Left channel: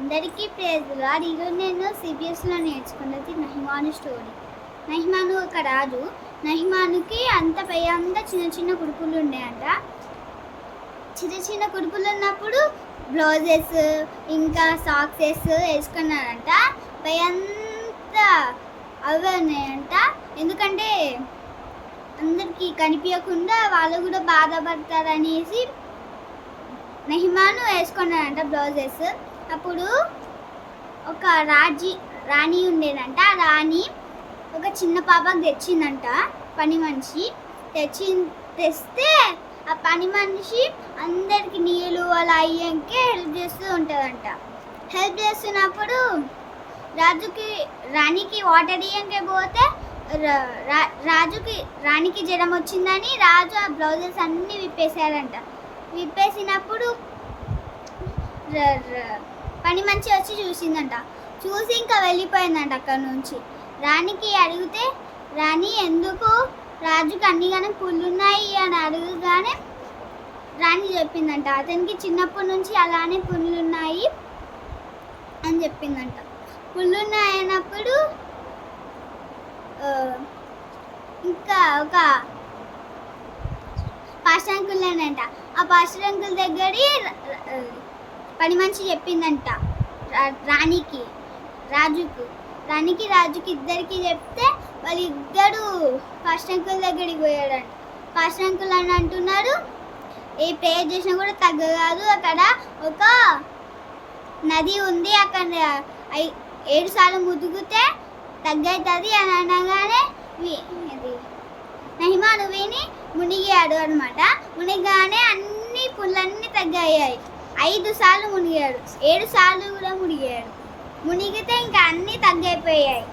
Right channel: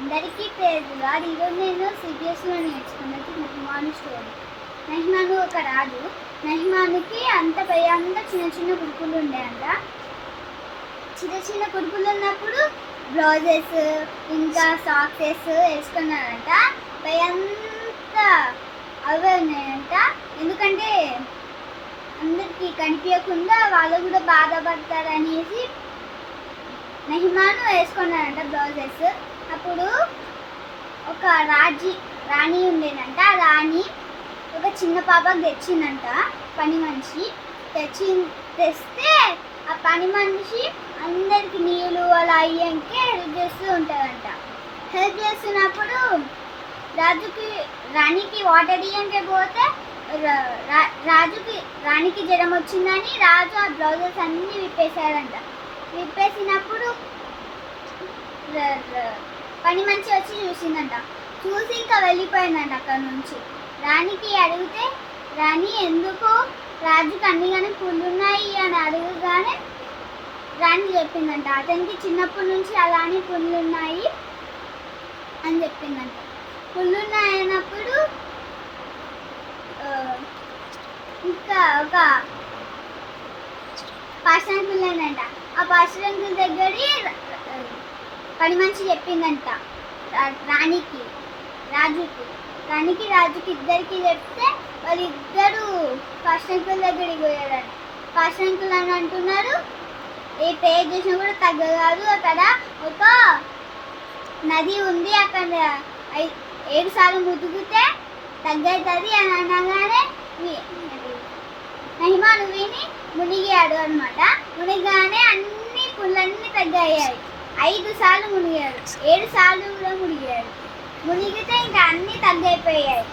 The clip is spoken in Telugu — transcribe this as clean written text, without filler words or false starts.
అందరికీ ప్రేజ్ లార్డ్. ఈరోజు నేను సిబిఎస్లో నేర్చుకున్నది నెహ్మాను స్టోరీ. నెహ్మాను ఒక రాజు. నెహ్మానుకి అంత పెద్ద చిన్న చిన్న కుడుకులు ఉండేయంట. చిన్న చిన్న కుడుకులు ఉన్నప్పుడు బ్లౌజెస్ ఇంకా సాక్సెస్ వేసుకున్నారంట. పెద్ద అవే ఉన్నాయంట. ఎందుకంటే అందరికీ కనిపించకుండా వాళ్ళు కూడా బాధపడతారనేసి నెహ్మాను వేసుకున్నారంట బ్లౌజెస్. అప్పుడు ఒక రాణి ఉండేనంట. ఆ రాణి ఒక చిన్న పాపకు తెచ్చిందంట. పని మనిషి తెస్తే ఆ పని మనిషి అందరికి నీళ్ళు అలా అయ్యాకే హెల్ప్ చేస్తూ ఉంటుందంట. హెల్ప్ చేస్తున్నప్పుడు రాణికి వాటర్ ఇయ్యాకే పోతే రాణికి జ్వరం వచ్చిందని రాజు ఆ బ్లౌజెస్ అన్నీ విప్పేశాడంట. విప్పేసినప్పుడు పని మంచి వచ్చి చూసిందంట. చూసి ఇంకా వెళ్ళిపోయిందంట అక్కడి నుంచి. రాణికి అడిగితే రాణి ఎందుకు రాజుకి అన్నిగానే పుల్లున్నాయి అని అడగగానే రాణి చెప్పిందంట అతనికి చిన్నప్పటి నుంచి అలానే పుల్లున్నాయి అని చెప్పిందంట. పుల్లున్నాయన్నప్పుడు ఇంకా ఒక పాస్టర్ అంట. ఆ పాస్టర్ అంకుల్ దగ్గర పని మనిషి చెప్పిందంట రాజుకి ఇద్దరికి చెప్తే వాళ్ళిద్దరు పాస్టర్ అంకుల్ దగ్గరికి పోయాడంట. పాస్టర్ అంకుల్ అని అంటున్నారు, ఏ ప్రేయర్ చేసినా కూడా తగ్గదు, అక్కడ ఒక నది ఉంది, అక్కడ 7 సార్లు ముదుగుతే తగ్గవుతుంది అని అనగానే నెహ్మాను విని మునిగాడు అనమాట. మునిగానే అన్ని పుల్లన్నీ తగ్గాయి. 5 సార్లు మునిగాడు, 7 సార్లు కూడా మునిగాడు. మునిగితే ఇంకా అన్నీ తగ్గైపోయాయి.